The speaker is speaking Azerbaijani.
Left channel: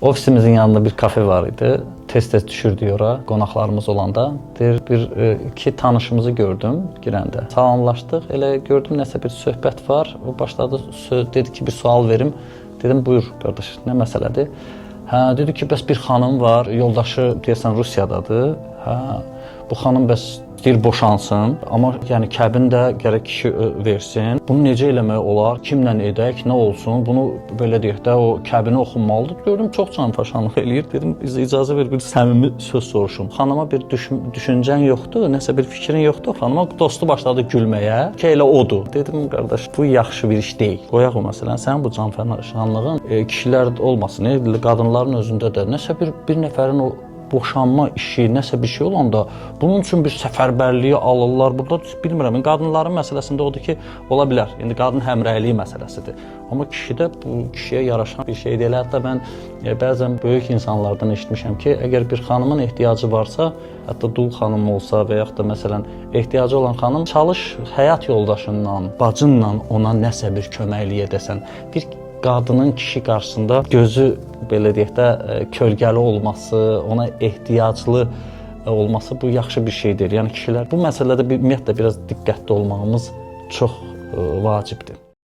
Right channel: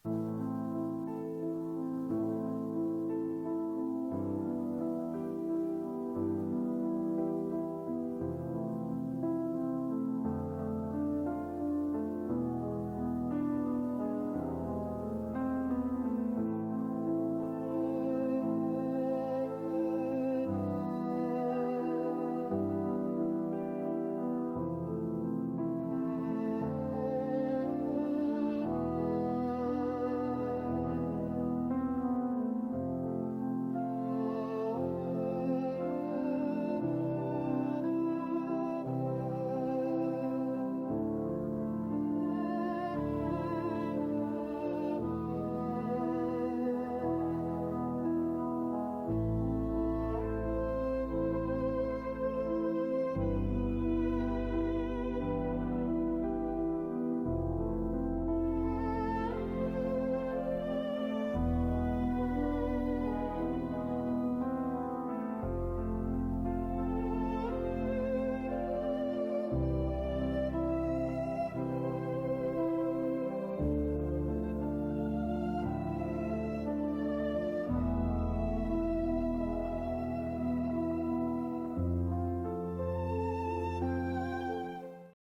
Ofisimizin yanında bir kafe var idi. Tez-tez düşürdük ora, qonaqlarımız olanda. İki tanışımızı gördüm girəndə. Salamlaşdıq, elə gördüm nəsə bir söhbət var. O başladı, dedi ki, bir sual verim. Dedim, buyur qardaş, nə məsələdir? Hə, dedi ki, bəs bir xanım var, yoldaşı deyəsən Rusiyadadır. Hə, bu xanım bəs deyir boşansın, amma yəni kəbin də gərək kişi versin. Bunu necə eləmək olar? Kimlə edək, nə olsun? Bunu belə deyək də o kəbini oxunmalıdır. Gördüm çox canfəşanlıq eləyir. Dedim icazə ver bir səmimi söz soruşum. Xanıma bir düşüncən yoxdur, nəsə bir fikrin yoxdur. Xanıma dostu başladı gülməyə. Ki elə odur. Dedim qardaş, bu yaxşı bir iş deyil. Qoyaq o məsələni. Sənin bu canfəşanlığın kişilər olmasın, qadınların özündə də nəsə bir nəfərin o boşanma işi, nəsə bir şey olanda bunun üçün bir səfərbərliyi alırlar. Burada bilmirəm, qadınların məsələsində odur ki, ola bilər. İndi qadın həmrəyliyi məsələsidir. Amma kişidə bu kişiyə yaraşan bir şey deyil. Hətta mən bəzən böyük insanlardan eşitmişəm ki, əgər bir xanımın ehtiyacı varsa, hətta dul xanım olsa və yaxud da məsələn ehtiyacı olan xanım çalış həyat yoldaşından, bacınla ona nəsə bir köməklik edəsən. Bir qadının kişi qarşısında gözü belə deyək də kölgəli olması, ona ehtiyaclı olması bu yaxşı bir şeydir. Yəni kişilər bu məsələdə ümumiyyətlə biraz diqqətli olmağımız çox vacibdir.